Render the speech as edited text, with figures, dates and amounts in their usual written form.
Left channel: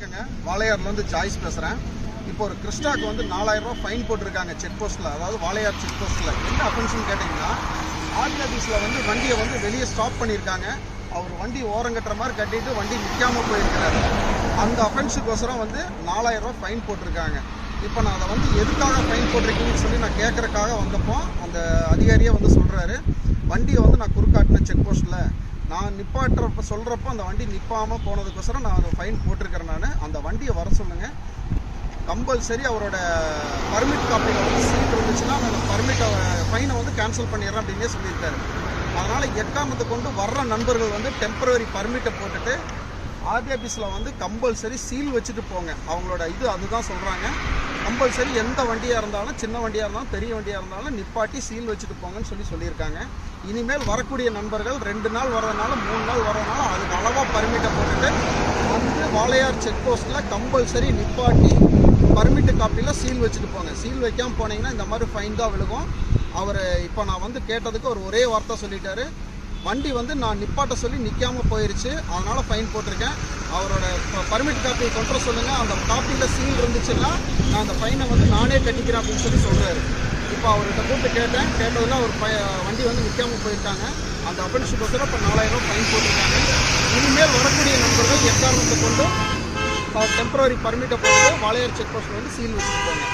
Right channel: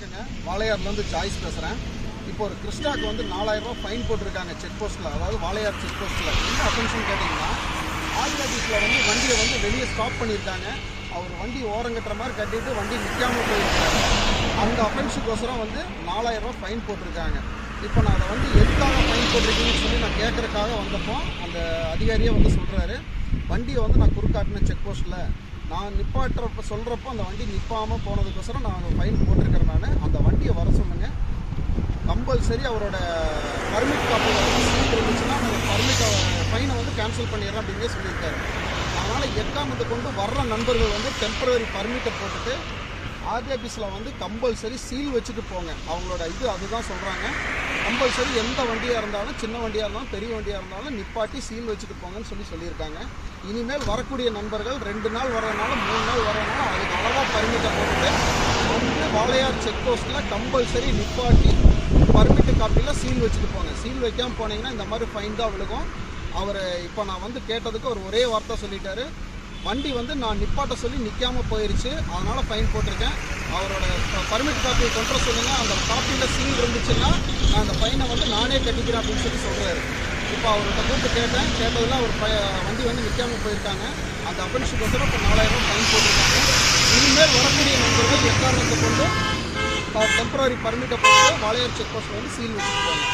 வணக்கங்க. வாளையார்லேருந்து ஜாய்ஸ் பேசுகிறேன். இப்போ ஒரு கிறிஸ்டாக்கு வந்து 4000 ரூபா ஃபைன் போட்டிருக்காங்க செக் போஸ்ட்டில், அதாவது வாளையார் செக் போஸ்ட்டில். என்ன அஃபென்ஸ்னு கேட்டிங்கன்னா, ஆர்டி ஆஃபீஸில் வந்து வண்டியை வந்து வெளியே ஸ்டாப் பண்ணியிருக்காங்க. அவர் வண்டி ஓரங்கட்டுற மாதிரி கட்டிட்டு வண்டி நிற்காமல் போயிருக்கிறாரு. அந்த அஃபென்ஸுக்கோசரம் வந்து 4000 ரூபா ஃபைன் போட்டிருக்காங்க. இப்போ நான் அதை வந்து எதுக்காக ஃபைன் போட்டிருக்கீங்கன்னு சொல்லி நான் கேட்குறக்காக வந்தப்போ அந்த அதிகாரியே வந்து சொல்கிறாரு, வண்டியை வந்து நான் குறுக்காட்டினேன் செக் போஸ்ட்டில், நான் நிப்பாட்டுறப்ப சொல்கிறப்போ அந்த வண்டி நிற்பாமல் போனதுக்கோசரம் நான் அந்த ஃபைன் போட்டிருக்கிறேன். நான் அந்த வண்டியை வர சொல்லுங்கள், கம்பல்சரி அவரோட பர்மிட் காப்பியில் வந்து சீல் இருந்துச்சுன்னா அந்த ஃபைனை வந்து கேன்சல் பண்ணிடுறேன் அப்படின்னே சொல்லியிருக்காரு. அதனால் எக்காரணத்தை கொண்டு வர்ற நண்பர்கள் வந்து டெம்பரவரி பர்மிட்டை போட்டுட்டு ஆர்டி ஆஃபீஸில் வந்து கம்பல்சரி சீல் வச்சுட்டு போங்க. அவங்களோட அதுதான் சொல்கிறாங்க. கம்பல்சரி எந்த வண்டியாக இருந்தாலும், சின்ன வண்டியாக இருந்தாலும் பெரிய வண்டியாக இருந்தாலும் நிப்பாட்டி சீல் வச்சுட்டு போங்கன்னு சொல்லியிருக்காங்க. இனிமேல் வரக்கூடிய நண்பர்கள் 2 நாள் வர்றதுனால 3 நாள் வர்றதுனால அதுக்கு அளவாக பர்மிட்டை போட்டுட்டு வந்து வாளையார் செக் போஸ்ட்டில் கம்பல்சரி நிப்பாட்டி பர்மிட்டு காப்பியில் சீல் வச்சுட்டு போங்க. சீல் வைக்காமல் போனீங்கன்னா இந்த மாதிரி ஃபைன் தான் விழுகும். அவர் இப்போ நான் வந்து கேட்டதுக்கு ஒரு ஒரே வார்த்தை சொல்லிட்டாரு, வண்டி வந்து நான் நிப்பாட்ட சொல்லி நிற்காமல் போயிடுச்சு, அதனால் ஃபைன் போட்டிருக்கேன், அவரோட பர்மிட் காப்பியை கொண்டு வர சொல்லுங்கள், அந்த காப்பியில் சீல் இருந்துச்சுன்னா நான் அந்த ஃபைனை வந்து நானே கட்டிக்கிறேன் அப்படின்னு சொல்கிறாரு. இப்போ அவர்கிட்ட கூப்பிட்டு கேட்டதில் அவர் வண்டி வந்து நிற்காமல் போயிருக்காங்க. அந்த அஃபென்ஸுக்கோசரம் இப்போ 4000 ரூபா ஃபைன் போட்டிருக்காங்க. இனிமேல் வரக்கூடிய நண்பர்கள் எக்காரணத்தை கொண்டு டெம்பரரி பர்மிட்டை போட்டு வாளையார் செக் போஸ்ட்டில் வந்து சீல் வச்சுட்டு போங்க.